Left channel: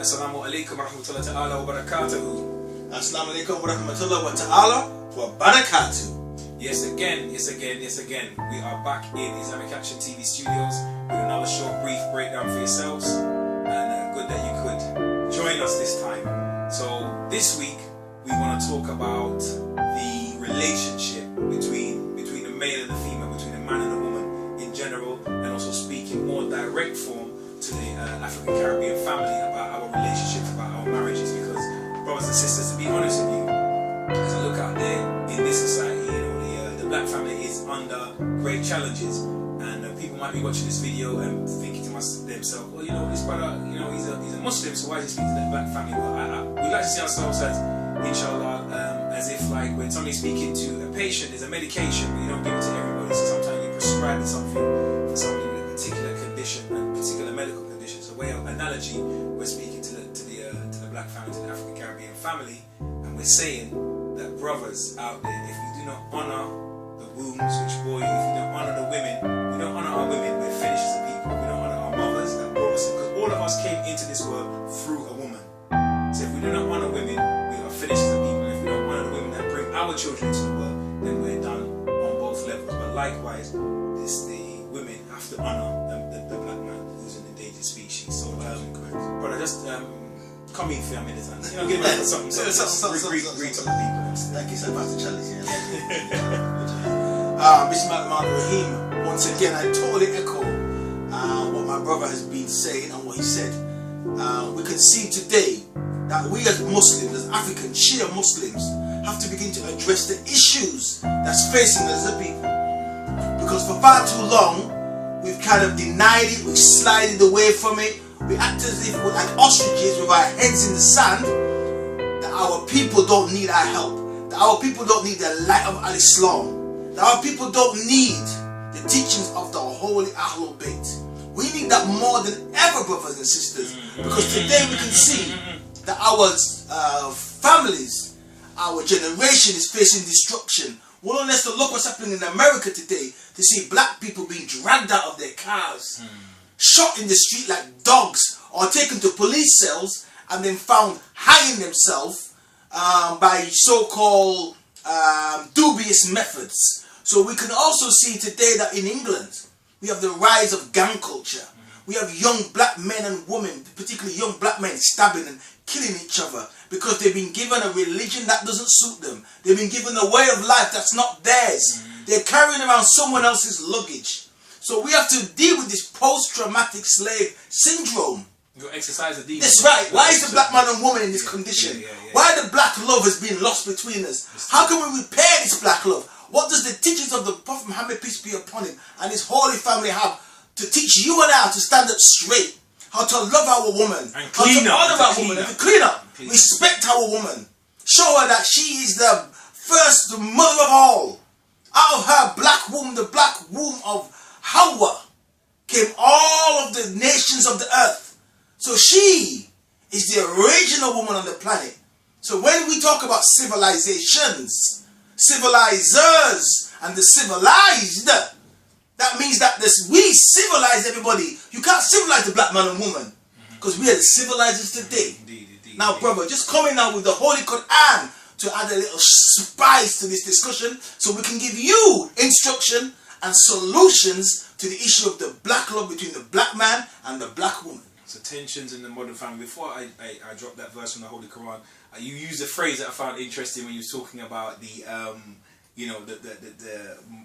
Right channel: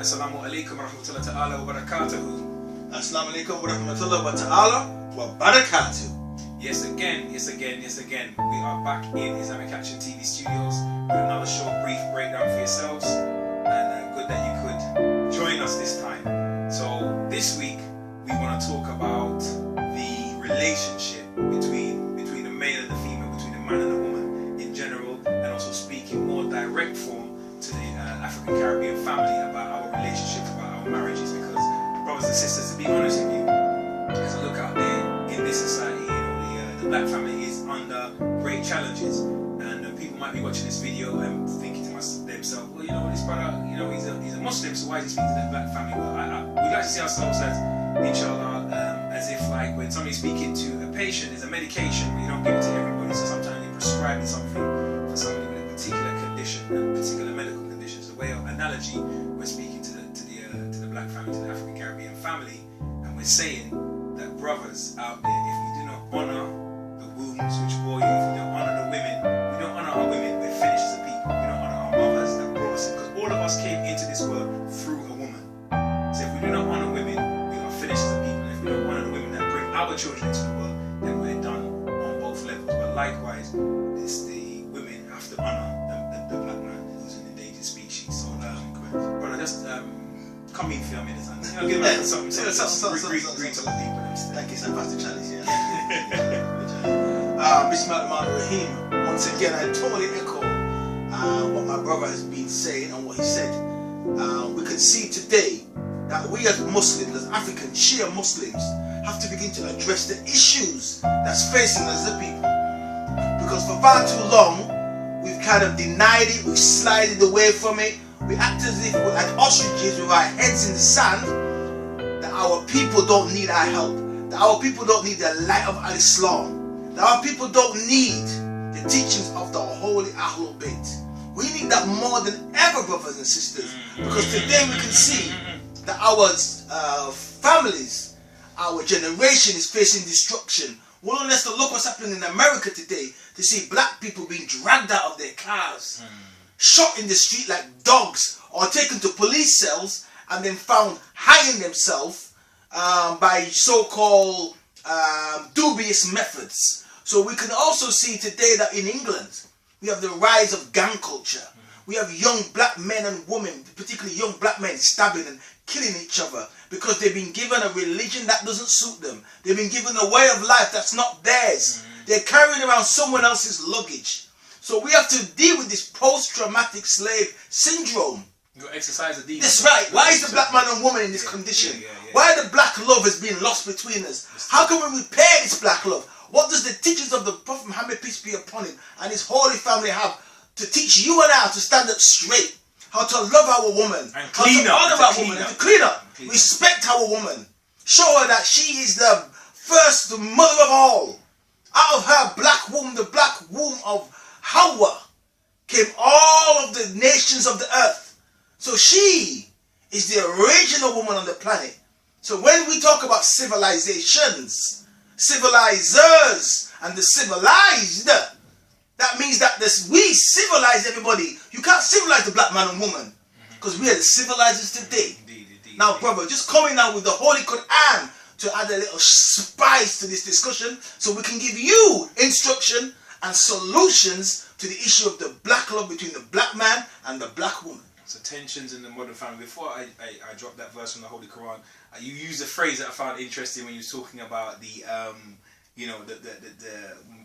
Assalamu alaikum wa rahmatullahi ta'ala wa barakatuhu. Assalamu alaikum wa rahmatullahi wa ta'ala wa barakatuhu. Yes again. We are back in Islamic Action TV studios with another short, brief breakdown for yourselves. And good that you could join us this time. So this week we want to talk about the relationship between the male and the female, between the man and the woman in general, and also speaking more direct form to the African Caribbean family about our relationships, about our marriages. Because brothers and sisters, to be honest with you, as I look out there in this society, the black family is under great challenges, and people might be watching this video and thinking to themselves, well, this brother, he's a Muslim, so why is he speaking to the black family? Well, we like to see ourselves as, inshallah, as if like when somebody's speaking to a patient, there's a medication, but you don't give it to everybody, so sometimes you're prescribing something for somebody with a particular condition, a particular medical condition. So way of analogy, we're speaking to the black family, to the African Caribbean family, and we're saying that brothers out there, if we do not honor the wombs which bore you, if we don't honor the women, we don't honor our women, we're finished as a people. We don't honor our mothers that brought us, because all of us came into this world through a woman. So if we do not honor women, we are finished as a people. If we don't honor the women that bring our children into the world, then we're done on both levels. But likewise, the women have to honor the black man who's an endangered species. So, brother, just come in for a minute and give us something. Bring to the people. Like he's about to challenge you. Bismillahirrahmanirrahim. Once again, I totally echo what my brother has been saying and what he said. We can see today that we as Muslims, as African Shia Muslims, have to begin to address the issues that's facing us as a people. Because for far too long, we've kind of denied it, we've slided away from it. We act as if we're like ostriches with our heads in the sand, that our people don't need our help, that our people don't need the light of Islam, that our people don't need the teachings of the holy Ahlul Bayt. We need that more than ever, brothers and sisters, because today we can see that our families, our generation is facing destruction. One less to look what's happening in America today, to see black people being dragged out of their cars, shot in the street like dogs, or taken to police cells and then found hanging themselves by so-called dubious methods. So we can also see today that in England we have the rise of gang culture. We have young black men and women, particularly young black men, stabbing and killing each other because they've been given a religion that doesn't suit them. They've been given a way of life that's not theirs. They're carrying around someone else's luggage. So we have to deal with this post-traumatic slave syndrome. Exercise a deep. That's right. Why is the black man and woman in this condition? Why the black love has been lost between us? How can we repair this black love? What does the teachings of the Prophet Muhammad, peace be upon him, and his holy family have to teach you and I to stand up straight? How to love our woman, and how to honor our woman, and to clean up, respect our woman, show her that she is the first, the mother of all. Out of her black womb, the black womb of Hawa, came all of the nations of the earth. So she is the original woman on the planet. So when we talk about civilizations, civilizers, and the civilized, that means that we civilize everybody. You can't civilize the black man and woman, because we are the civilizers today. Indeed. Now, brother, just coming out with the Holy Quran to add a little spice to this discussion, so we can give you instruction and solutions to the issue of the black love between the black man and the black woman. So tensions in the modern family. Before I dropped that verse from the Holy Quran, you used a phrase that I found interesting when you were talking about the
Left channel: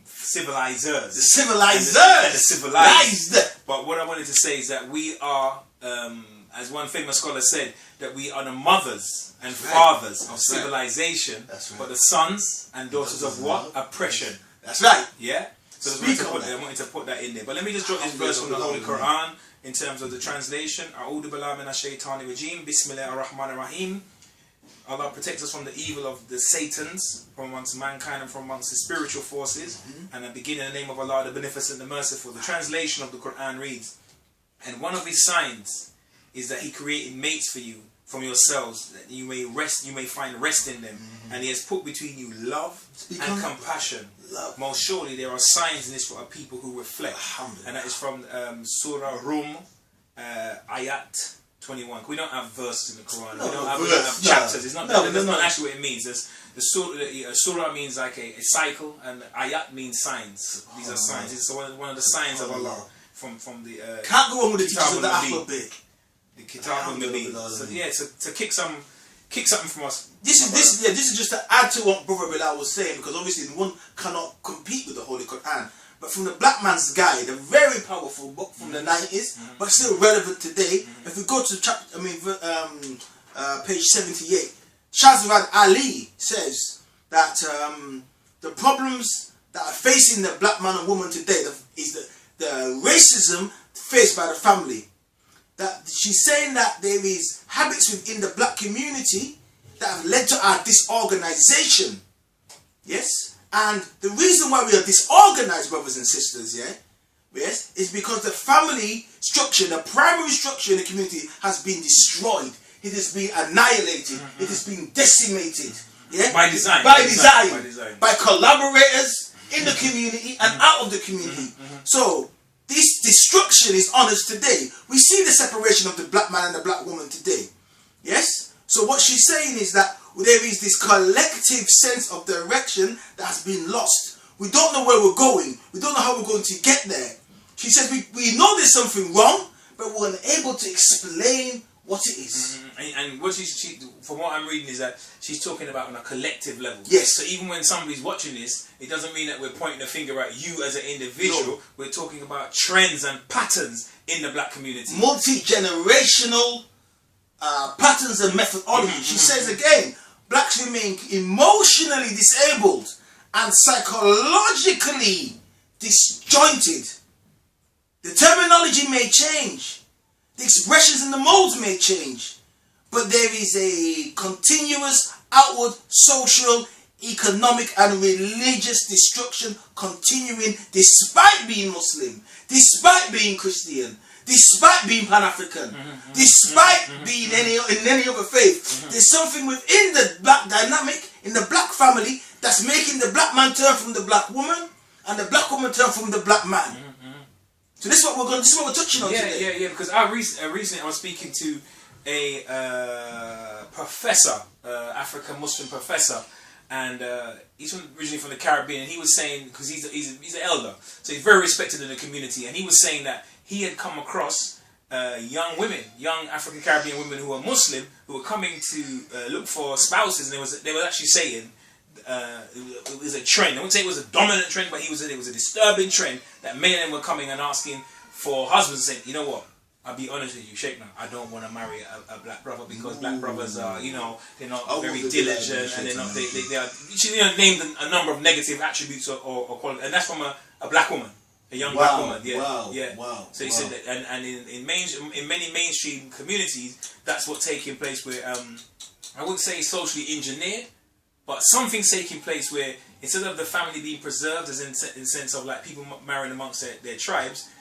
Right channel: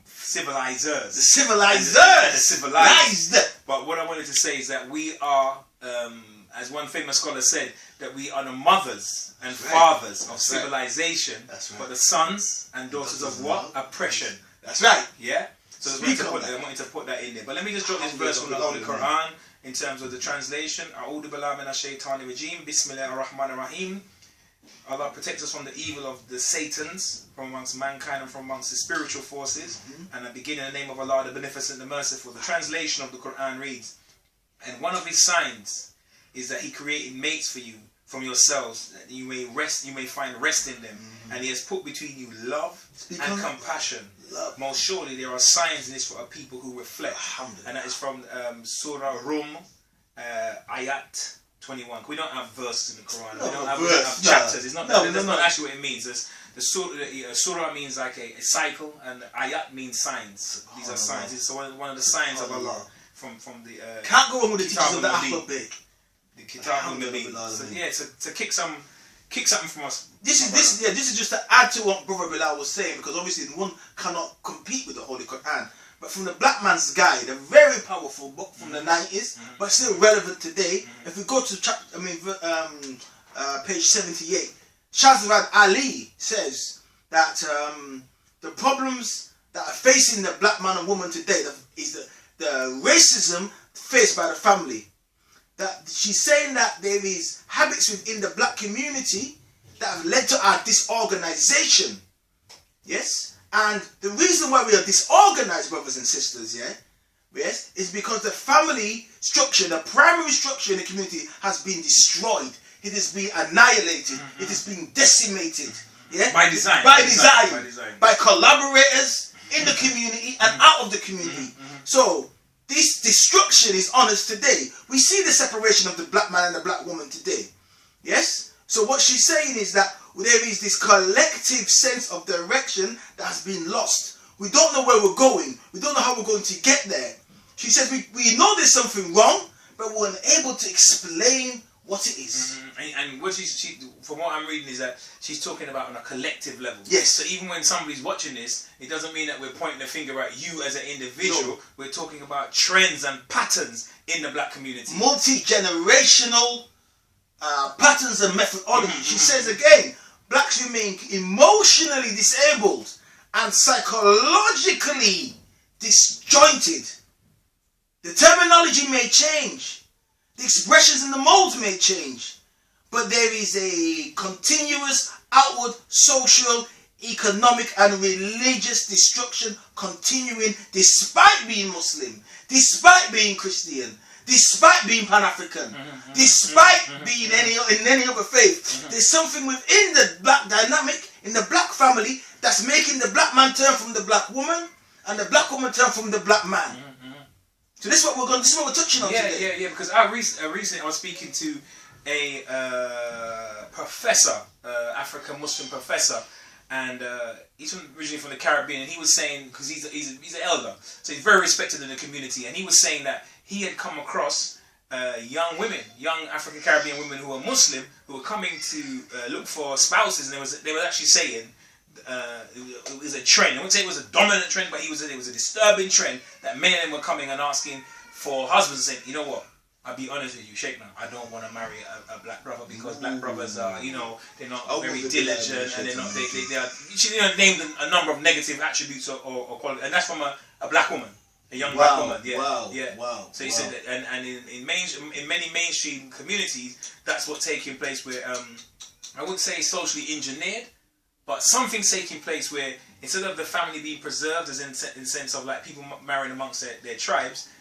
civilizers. The civilizers. The civilized. But what I wanted to say is that we are, as one famous scholar said, that we are the mothers and fathers of civilization, but the sons and daughters of what? Oppression. That's right. Yeah? So I wanted to put that in there. But let me just drop this verse from the Holy Quran in terms of the translation. A'udhu billahi minash shaitani rajim. Bismillahir rahmanir rahim. Allah protects us from the evil of the Satans, from amongst mankind and from amongst the spiritual forces. And I begin in the name of Allah, the Beneficent, the Merciful. The translation of the Quran reads, and one of his signs is that he created mates for you from yourselves, that you may find rest in them. And he has put between you love and compassion. Most surely there are signs in this for a people who reflect. And that is from Surah Rum, Ayat 21. We don't have verses in the Quran. We No, don't have verse, chapters. It's not. no, That's no, not no. actually what it means. The surah means like a cycle, and ayat means signs. These are signs. It's one of the signs of Allah from the. Can't go wrong with the Kitab teachers of the al-Nabi. alphabet. The Kitab al-Nabi. So, yeah, to kick something from us. This is just to add to what Brother Bilal was saying, because obviously one cannot compete with the Holy Quran. But from the Black Man's Guide, a very powerful book from the 90s, but still relevant today. If we go to page 78, Shahzad Ali says that the problems that are facing the black man and woman today is the racism faced by the family. That she's saying that there is habits within the black community that have led to our disorganization. Yes? And the reason why we are disorganized, brothers and sisters, yes, is because the family structure, the primary structure in the community has been destroyed. It has been annihilated. It has been decimated. Yeah? By design. By collaborators in the community and out of the community. So, this destruction is on us today. We see the separation of the black man and the black woman today. Yes? So what she's saying is that there is this collective sense of direction that has been lost. We don't know where we're going. We don't know how we're going to get there. She says we know there's something wrong, but we're unable to explain what it is. And what she, from what I'm reading, is that she's talking about on a collective level. Yes. So even when somebody's watching this, it doesn't mean that we're pointing the finger at you as an individual. No. We're talking about trends and patterns in the black community. Multi-generational patterns and methodology. She says again, blacks remain emotionally disabled and psychologically disjointed. The terminology may change. The expressions and the molds may change. But there is a continuous outward social, economic and religious destruction continuing despite being Muslim, despite being Christian, despite being Pan-African, despite being in any other faith. There's something within the black dynamic, in the black family, that's making the black man turn from the black woman and the black woman turn from the black man. So this is what we're touching on today. Yeah, because recently I was speaking to a professor, African Muslim professor, and he's originally from the Caribbean, and he was saying, because he's an elder, so he's very respected in the community, and he was saying that he had come across young African Caribbean women who were Muslim, who were coming to look for spouses, and they were actually saying it was a trend. I wouldn't say it was a dominant trend, but it was a disturbing trend that many of them were coming and asking for husbands, saying, you know what, I'll be honest with you, Sheikh, I don't want to marry a black brother because black brothers are, they're not very diligent, and they're not, they are, she named a number of negative attributes or qualities, and that's from a black woman. A young black woman, Wow. So he said that, and in many mainstream communities, that's what's taking place. Where I wouldn't say socially engineered, but something's taking place where instead of the family being preserved, as in sense of like people marrying amongst their tribes,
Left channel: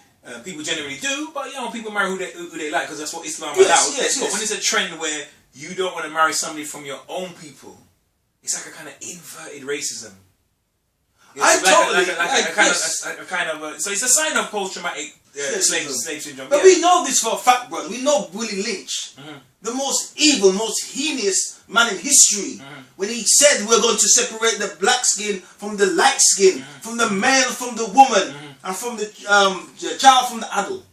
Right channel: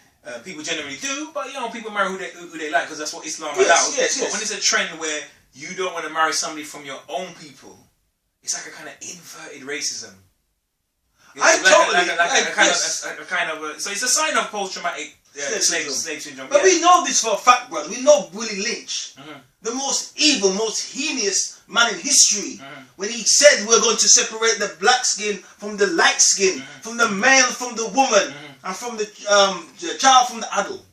people generally do, but people marry who they like because that's what Islam allows. But when it's a trend where you don't want to marry somebody from your own people, it's like a kind of inverted racism. So it's a sign of post-traumatic slave syndrome. But we know this for a fact, brother. We know Willie Lynch, the most evil, most heinous man in history, when he said we're going to separate the black skin from the light skin, from the male from the woman, and from the child from the adult.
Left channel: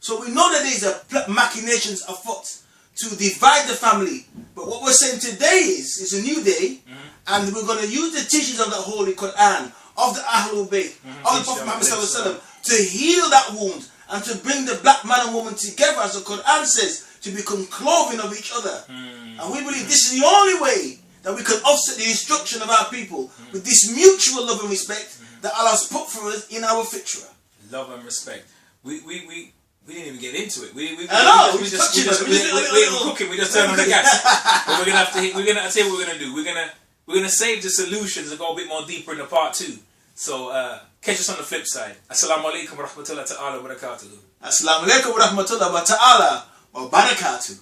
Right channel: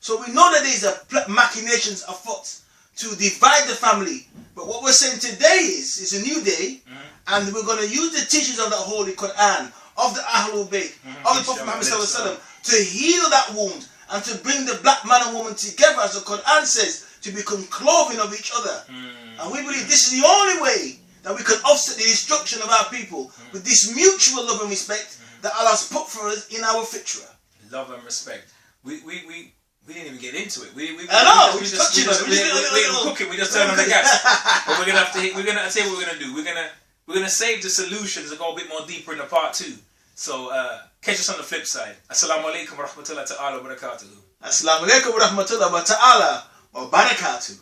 So we know that there's machinations afoot to divide the family. But what we're saying today is a new day. And we're going to use the teachings of the Holy Quran, of the Ahlul Bayt, of the Prophet Muhammad ﷺ, to heal that wound and to bring the black man and woman together, as the Quran says, to become clothing of each other. And we believe this is the only way that we can offset the destruction of our people with this mutual love and respect that Allah has put for us in our fitra. Love and respect. We didn't even get into it. We're touching it. We're cooking. We just turned on the gas. But we're gonna have to. We're gonna say what we're gonna do. We're gonna save the solutions and go a bit more deeper in the part 2. So catch us on the flip side. Assalamu alaikum wa rahmatullahi ta'ala wa barakatuhu. Assalamu alaikum wa rahmatullahi wa ta'ala wa barakatuh.